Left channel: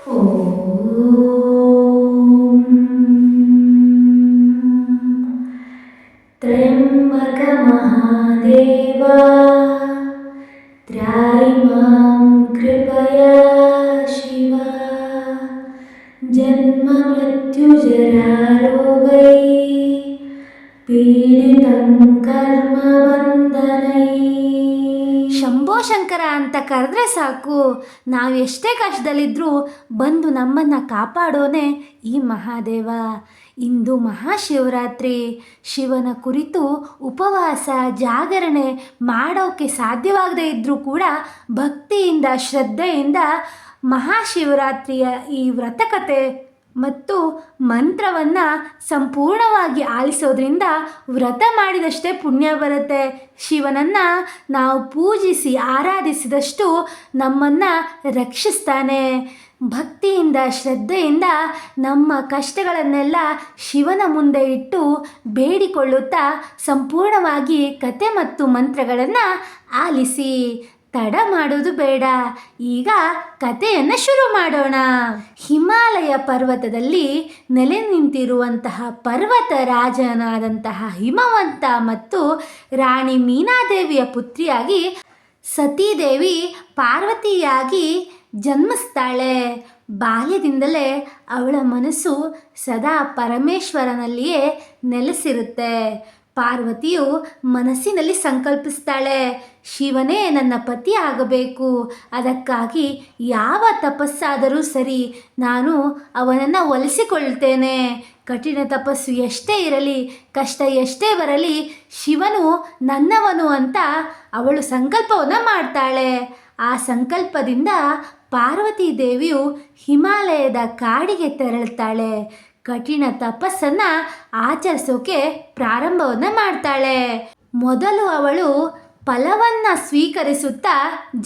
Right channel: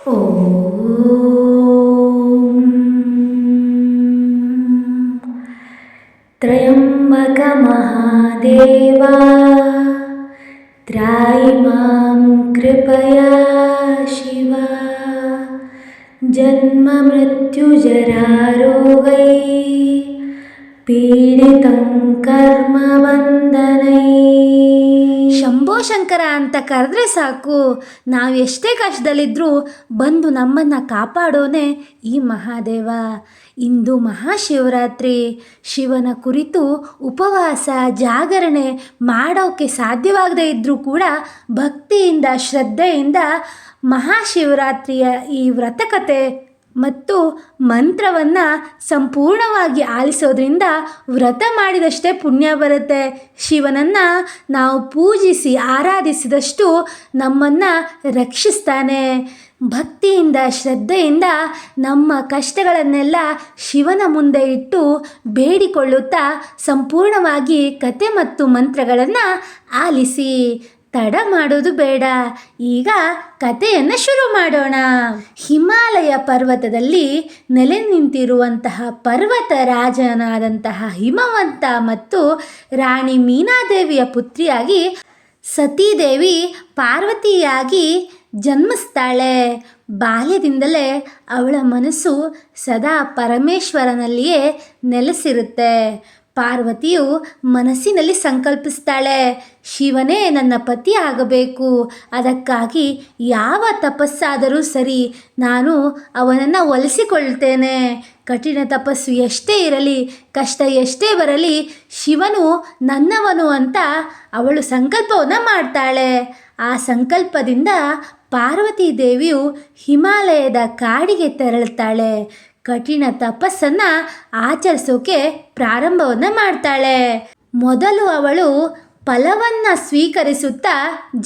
त्र्यम्बकमहादेवा त्राहि मां कृपया शिव जन्ममृत्युजरारोगै पीडितं कर्मबन्धनै. ಶಂಭೋ ಶಂಕರ ಅಂತ ಕರೆದ್ರೆ ಸಾಕು, ನಾವು ಎಷ್ಟೇ ಕಷ್ಟದಲ್ಲಿದ್ದರೂ ಬಂದು ನಮ್ಮನ್ನು ಕಾಪಾಡೋನೆ ಈ ಮಹಾದೇವ. ಇಂದು ಮಹಾಶಿವರಾತ್ರಿ. ಶಿವನ ಕುರಿತು ಉಪವಾಸ ಜಾಗರಣೆ ಮಾಡೋಕ್ಕೆ ಸಾಧ್ಯವಾಗದೇ ಇದ್ದರೂ ಕೂಡ ಭಕ್ತಿಯಿಂದ ಶ್ರದ್ಧೆಯಿಂದ ಮಹಾಶಿವರಾತ್ರಿಯ ಈ ವ್ರತಕತೆ ಮತ್ತು ಮಂತ್ರವನ್ನು ಸಂಪೂರ್ಣವಾಗಿ ಆಲಿಸೋದ್ರಿಂದ ವ್ರತ ಮಾಡಿದಷ್ಟೇ ಪುಣ್ಯ ಬರುತ್ತೆ. ಶಿವನನ್ನು ನಾವು ಪೂಜಿಸಿ ಆರಾಧಿಸಿದಷ್ಟು ನಮ್ಮನ್ನು ರಕ್ಷಿಸ್ತಾನೆ. ಭಕ್ತಿಯಿಂದ ಶ್ರದ್ಧೆಯಿಂದ ನಮ್ಮ ಕಷ್ಟಗಳನ್ನೆಲ್ಲ ಶಿವನ ಮುಂದೆ ಇಟ್ಟು ಬೇಡಿಕೊಳ್ಳುತ್ತಾ ಸಂಪೂರ್ಣವಾಗಿ ಕತೆ ಮತ್ತು ಮಂತ್ರಗಳನ್ನು ಆಲಿಸಿ. ತಡ ಮಾಡೋದು ಬೇಡ, ಈಗ ಕಥೆಯನ್ನು ಶುರು ಮಾಡೋಣ. ಹಿಮಾಲಯ ಪರ್ವತದಲ್ಲಿ ನೆಲೆ ನಿಂತಿರುವಂತಹ ಪರ್ವತ ರಾಜನಾದಂತಹ ಹಿಮವಂತ ಮತ್ತು ರಾಣಿ ಮೀನಾದೇವಿಯ ಪುತ್ರಿಯಾಗಿ ಸತೀದೇವಿ ಪಾರ್ವತಿಯಾಗಿ ಜನ್ಮಿಸ್ತಾಳೆ. ಬಾಲ್ಯದಿಂದಲೇ ಅವಳ ಮನಸ್ಸು ಸದಾ ಪರಮೇಶ್ವರನಲ್ಲಿಯೇ ನೆಲೆಸಿರುತ್ತೆ. ಪಾರ್ವತಿಯು ಮನಸ್ಸಿನಲ್ಲಿ ಸಂಕಲ್ಪಿಸ್ತಾಳೆ, ಶಿವನೇ ನನ್ನ ಪತಿ ಆಗಬೇಕು, ಅದಕ್ಕಾಗಿ ಯಾವ ತಪಸ್ಸಾದರೂ ಸರಿ ನಾನು ಅವನನ್ನು ಒಲಿಸಿಕೊಳ್ತೇನೆ. ಕಠಿಣ ತಪಸ್ಸು ಎಷ್ಟೇ ಇರಲಿ, ಕಷ್ಟ ಎಷ್ಟೇ ಬರಲಿ, ಶಿವನು ನನ್ನವನು ಅಂತ ಅವಳು ಸಂಕಲ್ಪವನ್ನು ಮಾಡ್ತಾಳೆ. ಆ ಸಂಕಲ್ಪದಿಂದ ಪಾರ್ವತಿ ದೇವಿಯು ಹಿಮಾಲಯದ ಕಾಡಿಗೆ ತೆರಳುತ್ತಾಳೆ. ಕಠಿಣ ತಪಸ್ಸನ್ನು ಆಚರಿಸೋಕೆ ಪ್ರಾರಂಭವನ್ನು ಮಾಡ್ತಾಳೆ. ಮೊದಲು ಅವಳು ಫಲವನ್ನು ಸ್ವೀಕರಿಸುತ್ತಾ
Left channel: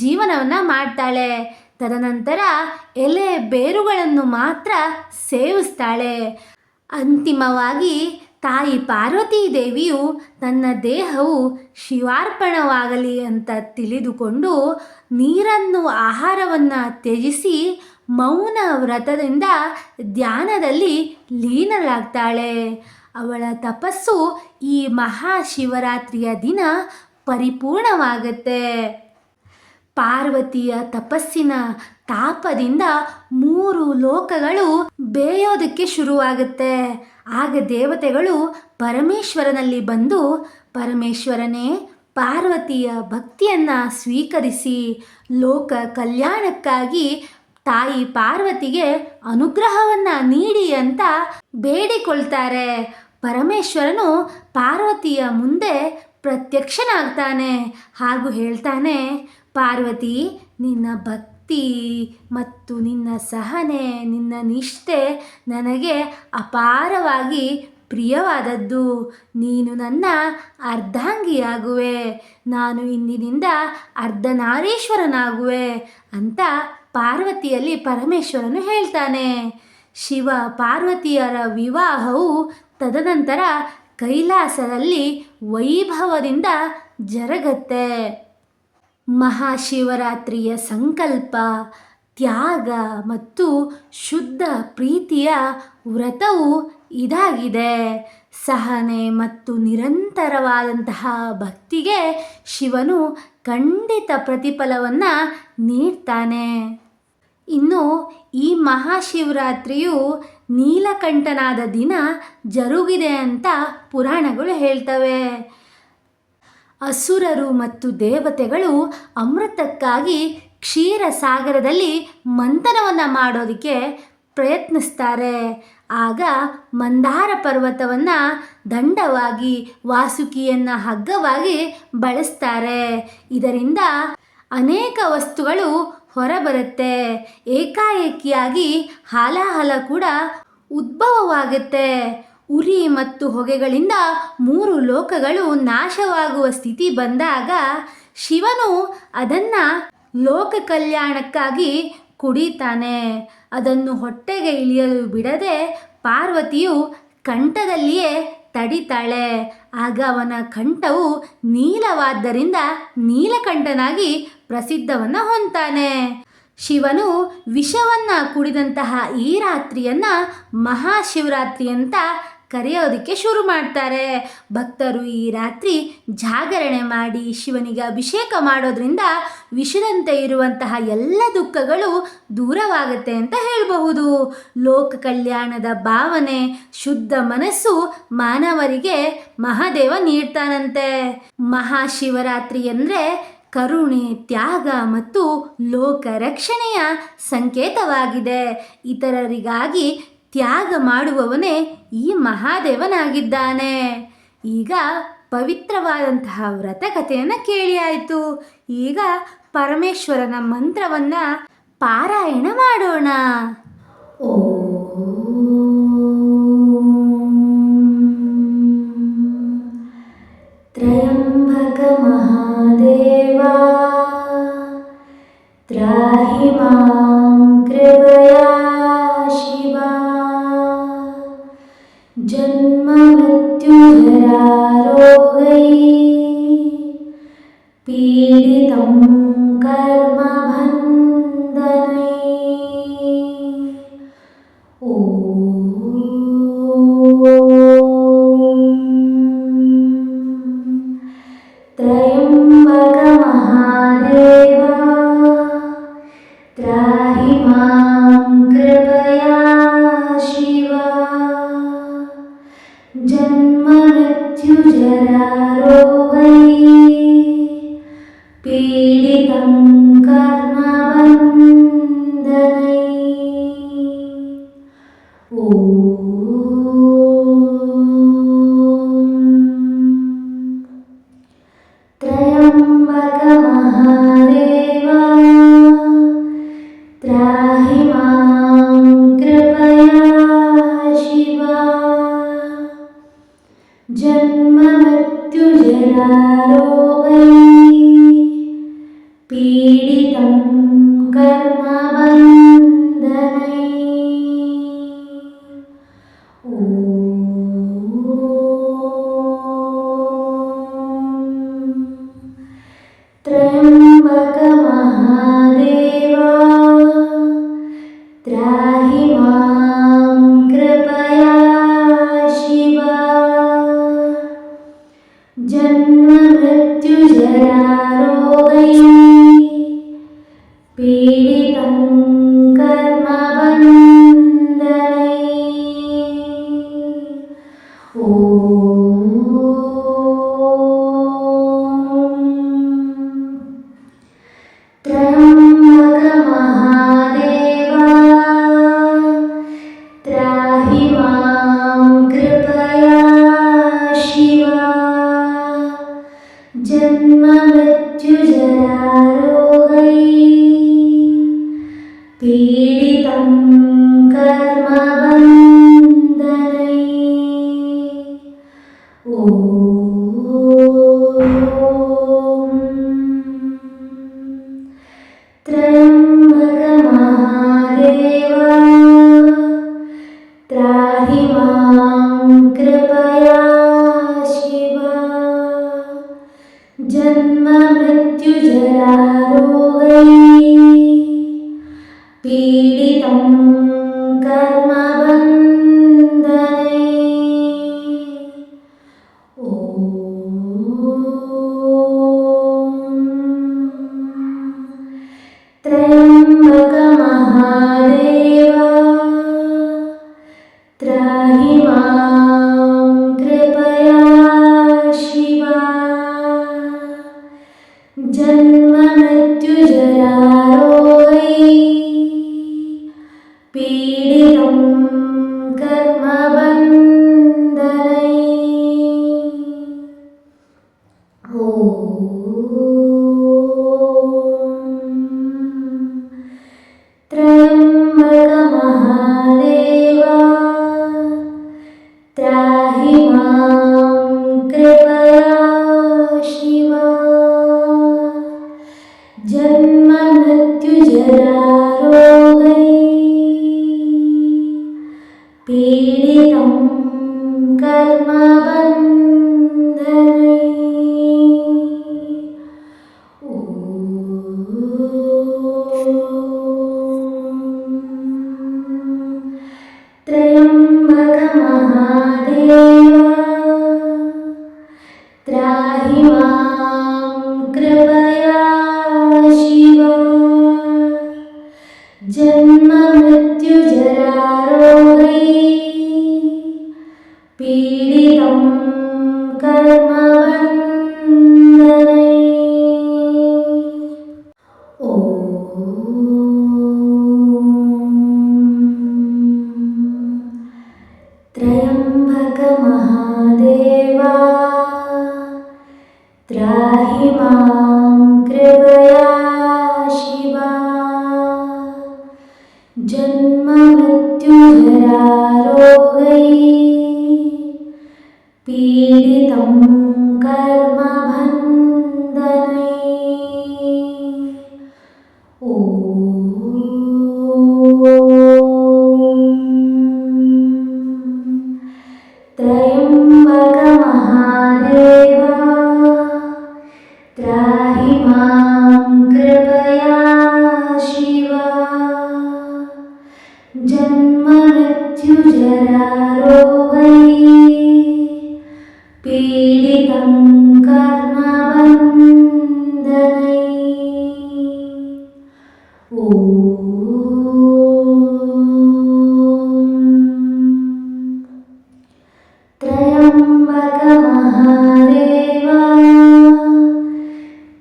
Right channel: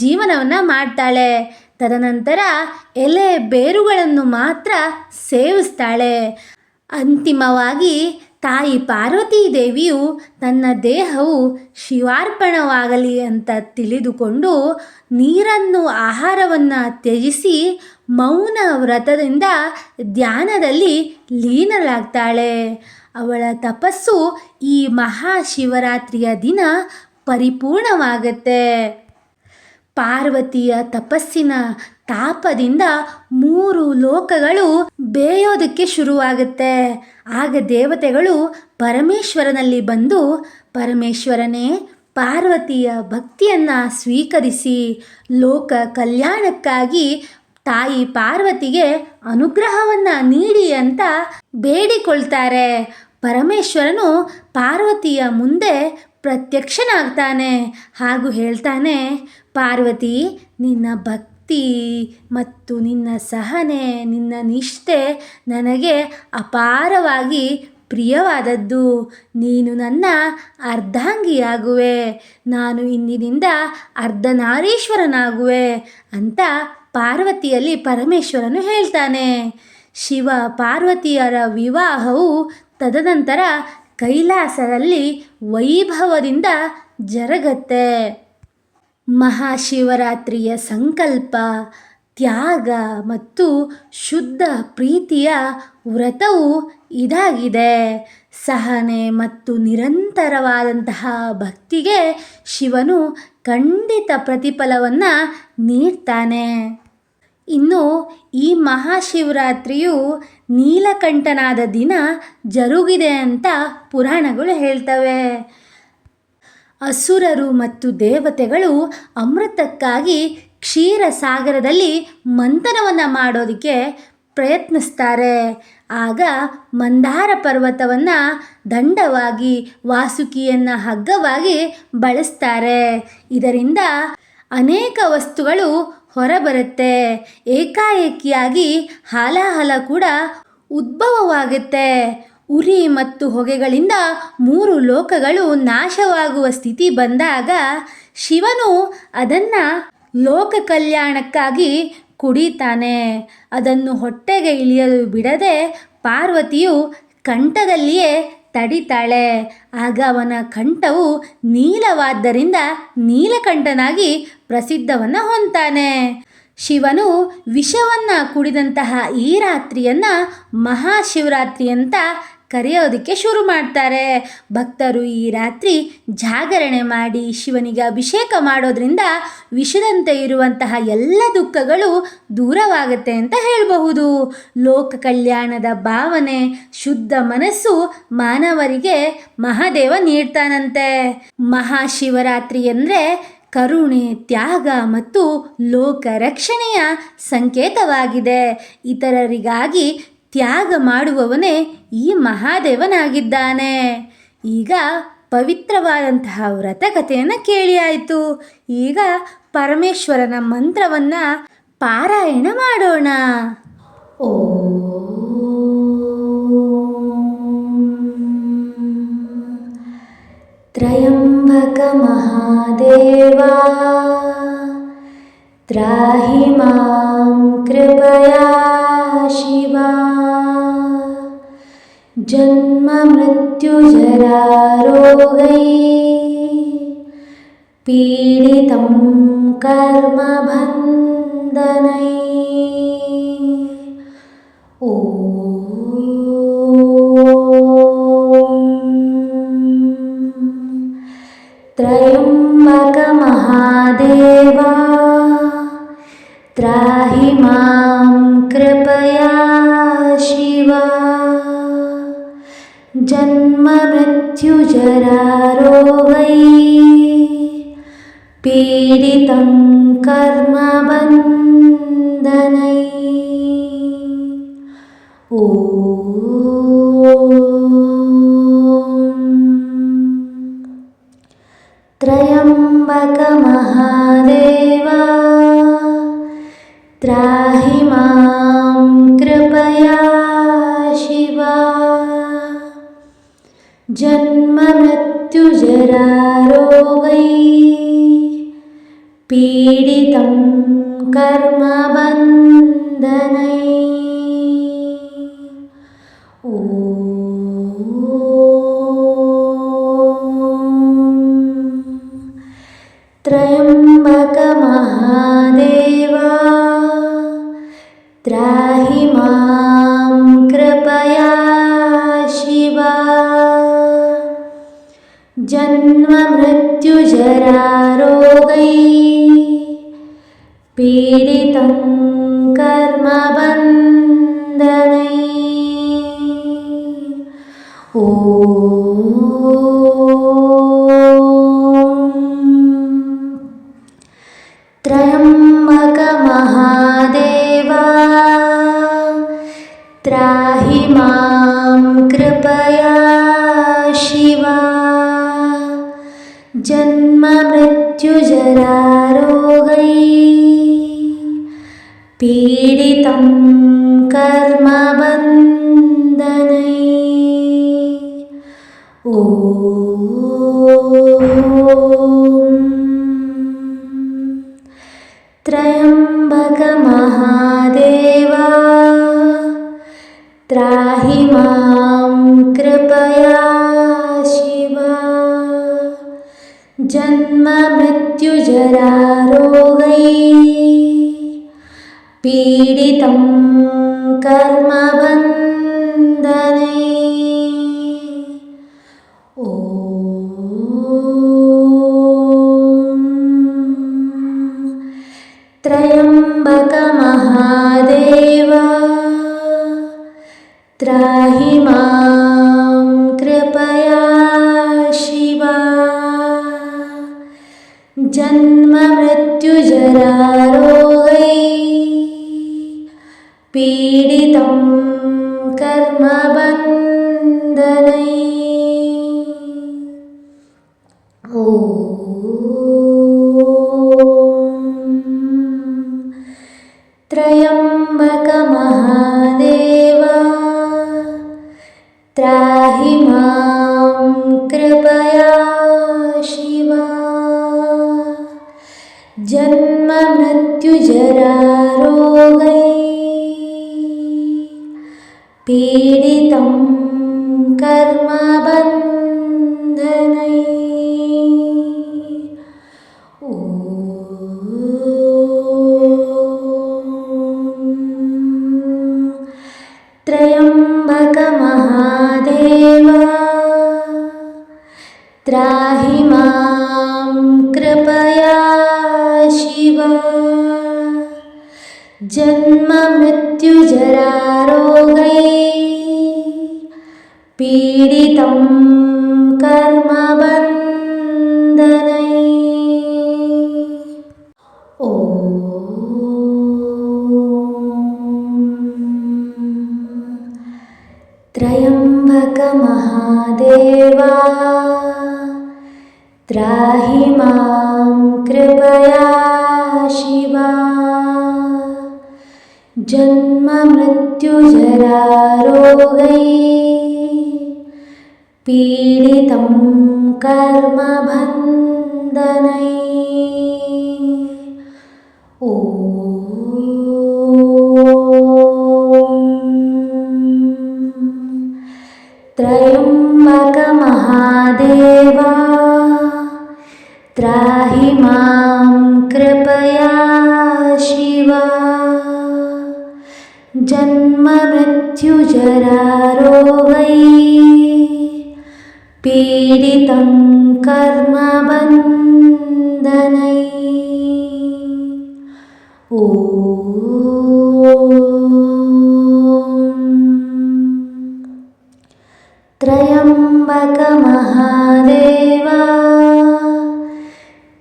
ಜೀವನವನ್ನು ಮಾಡ್ತಾಳೆ. ತದನಂತರ ಎಲೆ ಬೇರುಗಳನ್ನು ಮಾತ್ರ ಸೇವಿಸ್ತಾಳೆ. ಅಂತಿಮವಾಗಿ ತಾಯಿ ಪಾರ್ವತೀ ದೇವಿಯು ತನ್ನ ದೇಹವು ಶಿವಾರ್ಪಣವಾಗಲಿ ಅಂತ ತಿಳಿದುಕೊಂಡು ನೀರನ್ನು ಆಹಾರವನ್ನು ತ್ಯಜಿಸಿ ಮೌನ ವ್ರತದಿಂದ ಧ್ಯಾನದಲ್ಲಿ ಲೀನಳಾಗ್ತಾಳೆ. ಅವಳ ತಪಸ್ಸು ಈ ಮಹಾಶಿವರಾತ್ರಿಯ ದಿನ ಪರಿಪೂರ್ಣವಾಗುತ್ತೆ. ಪಾರ್ವತಿಯ ತಪಸ್ಸಿನ ತಾಪದಿಂದ 3 ಲೋಕಗಳು ಬೇಯೋದಕ್ಕೆ ಶುರುವಾಗುತ್ತೆ. ಆಗ ದೇವತೆಗಳು ಪರಮೇಶ್ವರನಲ್ಲಿ ಬಂದು, ಪರಮೇಶ್ವರನೇ, ಪಾರ್ವತಿಯ ಭಕ್ತಿಯನ್ನು ಸ್ವೀಕರಿಸಿ ಲೋಕ ಕಲ್ಯಾಣಕ್ಕಾಗಿ ತಾಯಿ ಪಾರ್ವತಿಗೆ ಅನುಗ್ರಹವನ್ನು ನೀಡಿ ಅಂತ ಬೇಡಿಕೊಳ್ತಾರೆ. ಪರಮೇಶ್ವರನು ಪಾರ್ವತಿಯ ಮುಂದೆ ಪ್ರತ್ಯಕ್ಷನಾಗ್ತಾನೆ ಹಾಗೂ ಹೇಳ್ತಾನೆ, ಪಾರ್ವತಿ, ನಿನ್ನ ಭಕ್ತಿ ಮತ್ತು ನಿನ್ನ ಸಹನೆ, ನಿನ್ನ ನಿಷ್ಠೆ ನನಗೆ ಅಪಾರವಾಗಿ ಪ್ರಿಯವಾದದ್ದು. ನೀನು ನನ್ನ ಅರ್ಧಾಂಗಿಯಾಗುವೆ, ನಾನು ಇಂದಿನಿಂದ ಅರ್ಧನಾರೀಶ್ವರನಾಗುವೆ ಅಂತ ಪಾರ್ವತಿಯಲ್ಲಿ ಪರಮೇಶ್ವರನು ಹೇಳ್ತಾನೆ. ಶಿವ ಪಾರ್ವತಿಯರ ವಿವಾಹವು ತದನಂತರ ಕೈಲಾಸದಲ್ಲಿ ವೈಭವದಿಂದ ಜರುಗತ್ತೆ. ಮಹಾಶಿವರಾತ್ರಿಯ ಸಂಕಲ್ಪ, ತ್ಯಾಗ ಮತ್ತು ಶುದ್ಧ ಪ್ರೀತಿಯ ವ್ರತವು ಇದಾಗಿದೆ. ಸಹನೆ ಮತ್ತು ನಿರಂತರವಾದಂತಹ ಭಕ್ತಿಗೆ ಶಿವನು ಖಂಡಿತ ಪ್ರತಿಫಲವನ್ನು ನೀಡ್ತಾನೆ. ಇನ್ನು ಈ ಮಹಾಶಿವರಾತ್ರಿಯು ನೀಲಕಂಠನಾದ ದಿನ ಜರುಗಿದೆ ಅಂತ ಪುರಾಣಗಳು ಹೇಳ್ತವೆ. ಅಸುರರು ಮತ್ತು ದೇವತೆಗಳು ಅಮೃತಕ್ಕಾಗಿ ಕ್ಷೀರಸಾಗರದಲ್ಲಿ ಮಂಥನವನ್ನು ಮಾಡೋದಕ್ಕೆ ಪ್ರಯತ್ನಿಸ್ತಾರೆ. ಆಗ ಮಂದಾರ ಪರ್ವತವನ್ನು ದಂಡವಾಗಿ, ವಾಸುಕಿಯನ್ನು ಹಗ್ಗವಾಗಿ ಬಳಸ್ತಾರೆ. ಇದರಿಂದ ಅನೇಕ ವಸ್ತುಗಳು ಹೊರಬರುತ್ತೆ. ಏಕಾಏಕಿಯಾಗಿ ಹಾಲಾಹಲ ಕೂಡ ಉದ್ಭವವಾಗುತ್ತೆ. ಉರಿ ಮತ್ತು ಹೊಗೆಗಳಿಂದ 3 ಲೋಕಗಳು ನಾಶವಾಗುವ ಸ್ಥಿತಿ ಬಂದಾಗ ಶಿವನು ಅದನ್ನು ಲೋಕ ಕಲ್ಯಾಣಕ್ಕಾಗಿ ಕುಡಿತಾನೆ. ಅದನ್ನು ಹೊಟ್ಟೆಗೆ ಇಳಿಯಲು ಬಿಡದೆ ಪಾರ್ವತಿಯು ಕಂಠದಲ್ಲಿಯೇ ತಡಿತಾಳೆ. ಆಗ ಅವನ ಕಂಠವು ನೀಲವಾದ್ದರಿಂದ ನೀಲಕಂಠನಾಗಿ ಪ್ರಸಿದ್ಧವನ್ನು ಹೊಂದ್ತಾನೆ. ಶಿವನು ವಿಷವನ್ನು ಕುಡಿದಂತಹ ಈ ರಾತ್ರಿಯನ್ನು ಮಹಾಶಿವರಾತ್ರಿ ಅಂತ ಕರೆಯೋದಕ್ಕೆ ಶುರು ಮಾಡ್ತಾರೆ. ಭಕ್ತರು ಈ ರಾತ್ರಿ ಜಾಗರಣೆ ಮಾಡಿ ಶಿವನಿಗೆ ಅಭಿಷೇಕ ಮಾಡೋದ್ರಿಂದ ವಿಷದಂತೆ ಇರುವಂತಹ ಎಲ್ಲ ದುಃಖಗಳು ದೂರವಾಗುತ್ತೆ ಅಂತ ಹೇಳಬಹುದು. ಲೋಕ ಕಲ್ಯಾಣದ ಭಾವನೆ, ಶುದ್ಧ ಮನಸ್ಸು ಮಾನವರಿಗೆ ಮಹಾದೇವ ನೀಡ್ತಾನಂತೆ. ಮಹಾಶಿವರಾತ್ರಿ ಅಂದರೆ ಕರುಣೆ, ತ್ಯಾಗ ಮತ್ತು ಲೋಕ ರಕ್ಷಣೆಯ ಸಂಕೇತವಾಗಿದೆ. ಇತರರಿಗಾಗಿ ತ್ಯಾಗ ಮಾಡುವವನೇ ಈ ಮಹಾದೇವನಾಗಿದ್ದಾನೆ. ಈಗ ಪವಿತ್ರವಾದಂತಹ ವ್ರತಕಥೆಯನ್ನು ಕೇಳಿ ಆಯಿತು. ಈಗ ಪರಮೇಶ್ವರನ ಮಂತ್ರವನ್ನು ಪಾರಾಯಣ ಮಾಡೋಣ. ತ್ರಯಂಬಕ ಮಹಾದೇವಾ ತ್ರಾಹಿ ಮಾಂ ಕೃಪಯಾ ಶಿವಾ ಜನ್ಮ ಮೃತ್ಯು ಜರಾ ರೋಗೈ ಪೀಡಿತಂ ಕರ್ಮ ಬಂಧನೈ ತ್ರಯಂಬಕ ಮಹಾದೇವಾ ತ್ರಾಹಿ ಮಾಂ ಕೃಪಯಾ ಶಿವಾ ಜನ್ಮ ಮೃತ್ಯು ಜರಾ ರೋಗೈ ಪೀಡಿತಂ ಕರ್ಮ ಬಂಧನೈ ತ್ರಯಂಬಕ ಮಹಾದೇವಾ ತ್ರಾಹಿ ಮಾಂ ಕೃಪಯಾ ಶಿವಾ ಜನ್ಮ ಮೃತ್ಯು ಜರಾ ರೋಗೈ ಪೀಡಿತಂ ಕರ್ಮ ಬಂಧನೈ ತ್ರಯಂಬಕ ಮಹಾದೇವಾ ತ್ರಾಹಿ ಮಾಂ ಕೃಪಯಾ ಶಿವಾ ಜನ್ಮ ಮೃತ್ಯು ಜರಾ ರೋಗೈ ಪೀಡಿತಂ ಕರ್ಮ ಬಂಧನೈ ತ್ರಯಂಬಕ ಮಹಾದೇವಾ ತ್ರಾಹಿ ಮಾಂ ಕೃಪಯಾ ಶಿವಾ ಜನ್ಮ ಮೃತ್ಯು ಜರಾ ರೋಗೈ ಪೀಡಿತಂ ಕರ್ಮ ಬಂಧನೈ ತ್ರಯಂಬಕ ಮಹಾದೇವಾ ತ್ರಾಹಿ ಮಾಂ ಕೃಪಯಾ ಶಿವಾ ಜನ್ಮ ಮೃತ್ಯು ಜರಾ ರೋಗೈ ಪೀಡಿತಂ ಕರ್ಮ ಬಂಧನೈ ತ್ರಯಂಬಕ ಮಹಾದೇವಾ ತ್ರಾಹಿ ಮಾಂ ಕೃಪಯಾ ಶಿವಾ ಜನ್ಮ ಮೃತ್ಯು ಜರಾ ರೋಗೈ ಪೀಡಿತಂ ಕರ್ಮ ಬಂಧನೈ ತ್ರಯಂಬಕ ಮಹಾದೇವಾ ತ್ರಾಹಿ ಮಾಂ ಕೃಪಯಾ ಶಿವಾ ಜನ್ಮ ಮೃತ್ಯು ಜರಾ ರೋಗೈ ಪೀಡಿತಂ ಕರ್ಮ ಬಂಧನೈ ಓ त्र्यम्बकमहादेवा त्राहि मां कृपया शिव जन्ममृत्युजरारोगै पीडितं कर्मबन्धनै ॐ त्र्यम्बकमहादेवा त्राहि मां कृपया शिवा जन्ममृत्युजरारोगै पीडितं कर्मबन्धनै ॐ त्र्यम्बकमहादेवा त्राहि मां कृपया शिवा जन्ममृत्युजरारोगै पीडितं कर्मबन्धनै ॐ त्र्यम्बकमहादेवा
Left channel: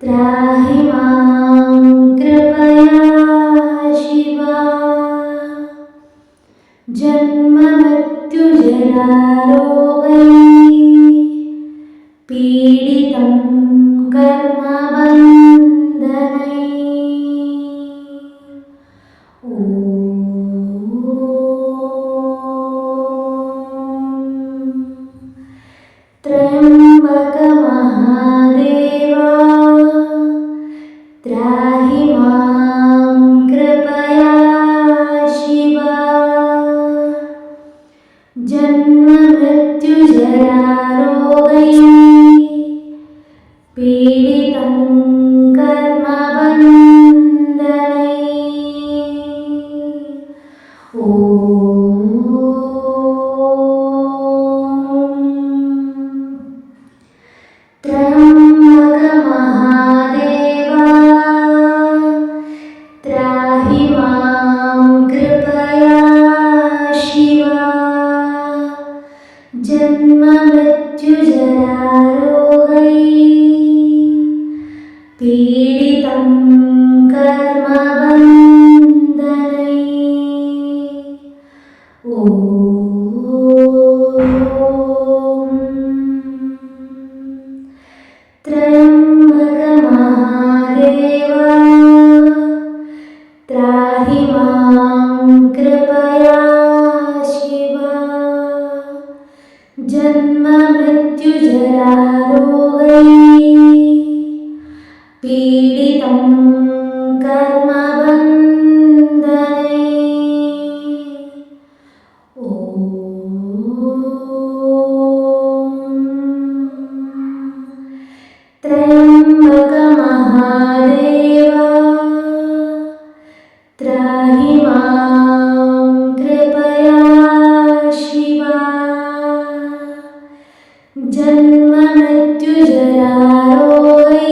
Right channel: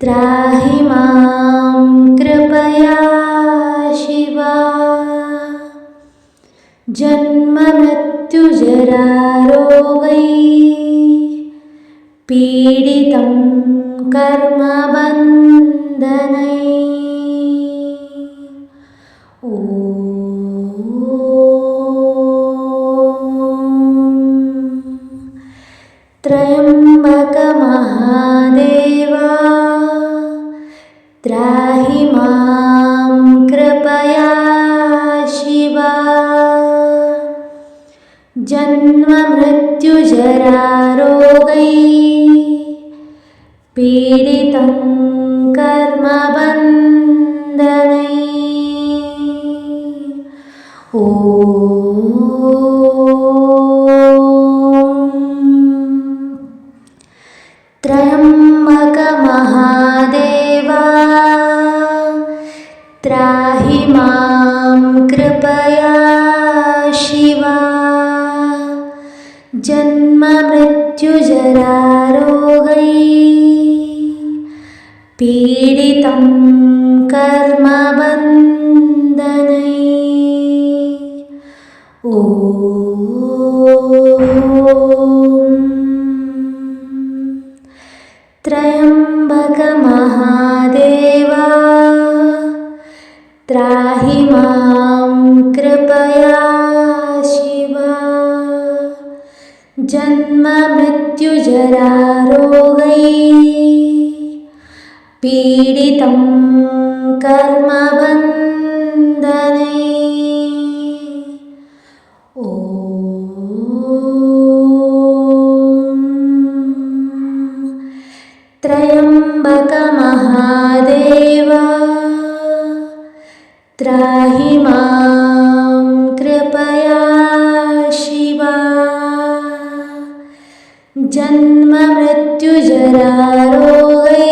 त्राहि मां कृपया शिवा जन्ममृत्युजरारोगै पीडितं कर्मबन्धनै ॐ त्र्यम्बकमहादेवा त्राहि मां कृपया शिवा जन्ममृत्युजरारोगै पीडितं कर्मबन्धनै ॐ त्र्यम्बकमहादेवा त्राहि मां कृपया शिवा जन्ममृत्युजरारोगै पीडितं कर्मबन्धनै ॐ त्र्यम्बकमहादेवा त्राहि मां कृपया शिवा जन्ममृत्युजरारोगै पीडितं कर्मबन्धनै ॐ त्र्यम्बकमहादेवा त्राहि मां कृपया शिवा जन्ममृत्युजरारोगै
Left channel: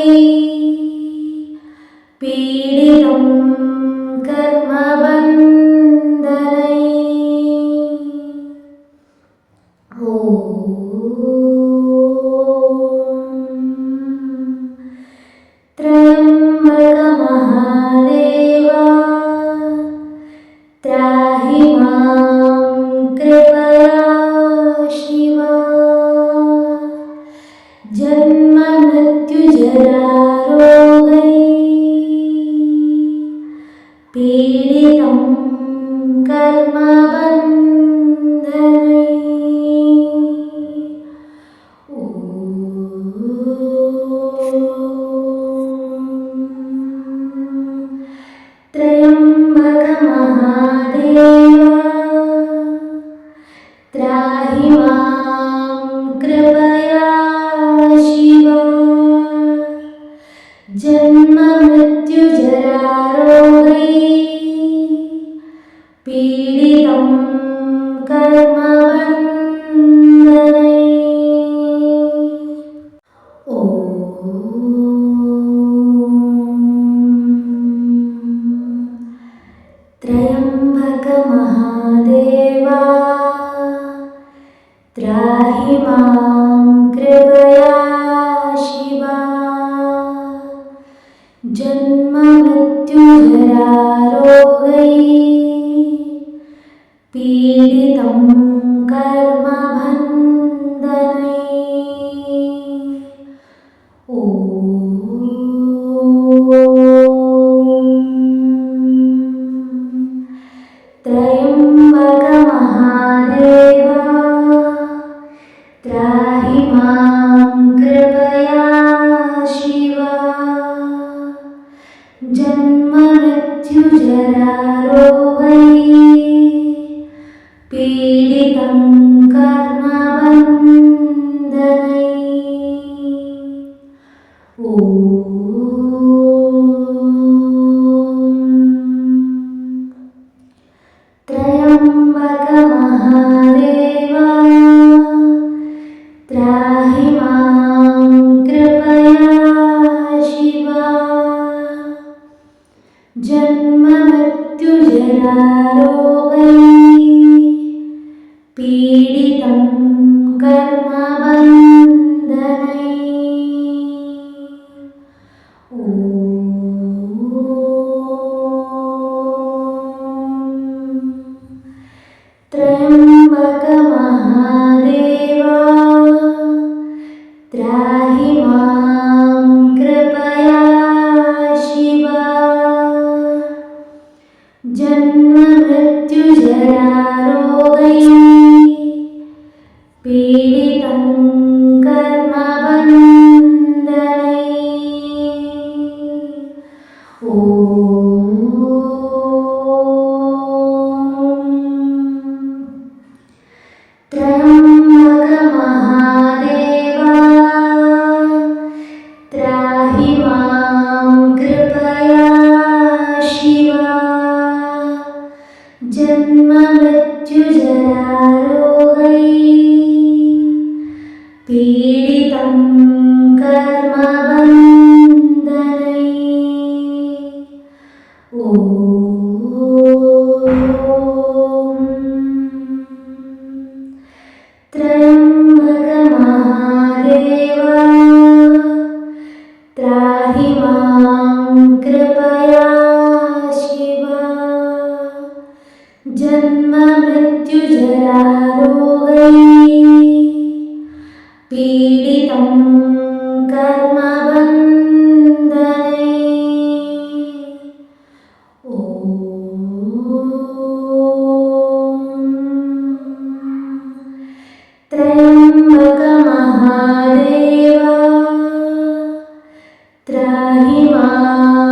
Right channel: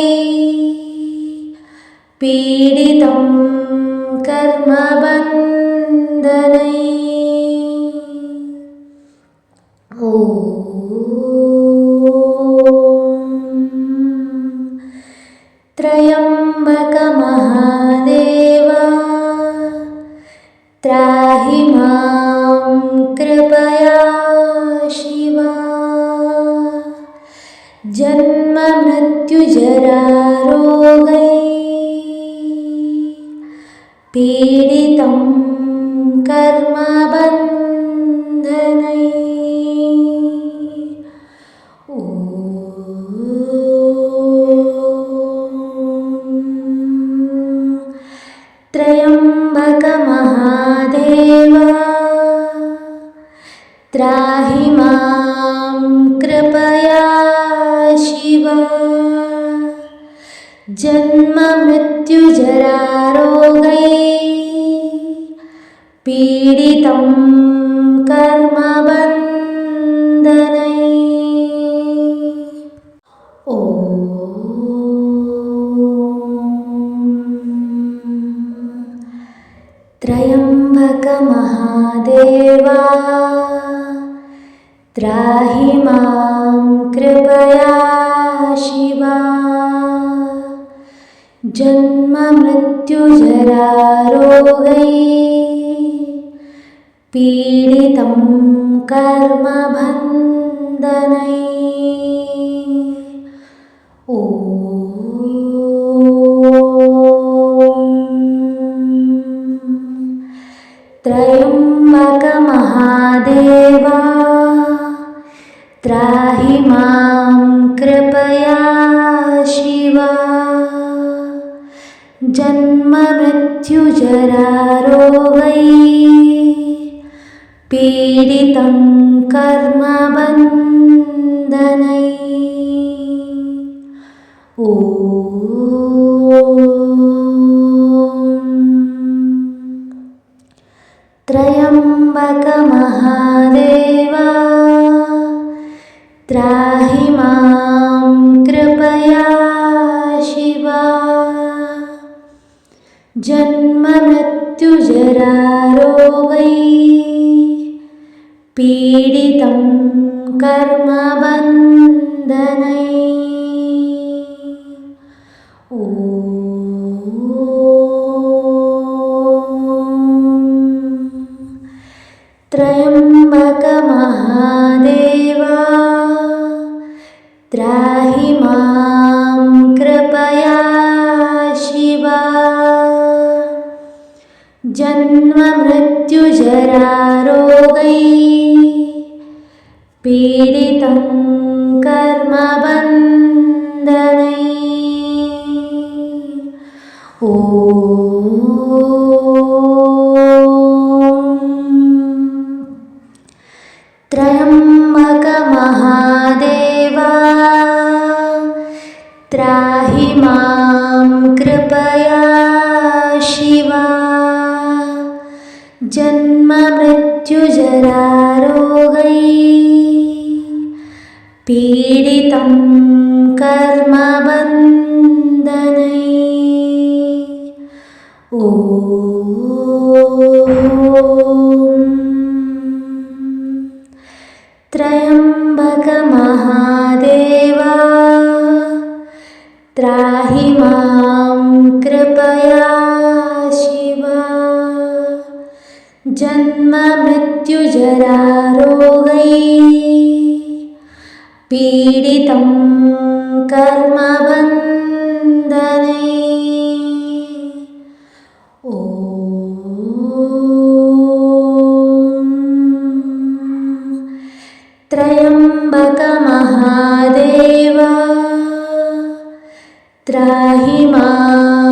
पीडितं कर्मबन्धनै ॐ त्र्यम्बकमहादेवा त्राहि मां कृपया शिवा जन्ममृत्युजरारोगै पीडितं कर्मबन्धनै ॐ त्र्यम्बकमहादेवा त्राहि मां कृपया शिवा जन्ममृत्युजरारोगै पीडितं पीडितं कर्मबन्धनैः। ॐ त्र्यम्बकमहादेवा त्राहि मां कृपया शिवा। जन्ममृत्युजरारोगैः पीडितं कर्मबन्धनैः। ॐ त्र्यम्बकमहादेवा त्राहि मां कृपया शिवा। जन्ममृत्युजरारोगैः पीडितं कर्मबन्धनैः। ॐ त्र्यम्बकमहादेवा त्राहि मां कृपया शिवा। जन्ममृत्युजरारोगैः पीडितं कर्मबन्धनैः। ॐ त्र्यम्बकमहादेवा त्राहि मां कृपया शिवा। जन्ममृत्युजरारोगैः पीडितं कर्मबन्धनैः। ॐ त्र्यम्बकमहादेवा त्राहि मां कृपया शिवा। जन्ममृत्युजरारोगैः पीडितं कर्मबन्धनैः। ॐ त्र्यम्बकमहादेवा त्राहि मां कृपया शिवा। जन्ममृत्युजरारोगैः पीडितं कर्मबन्धनैः। ॐ त्र्यम्बकमहादेवा त्राहि मां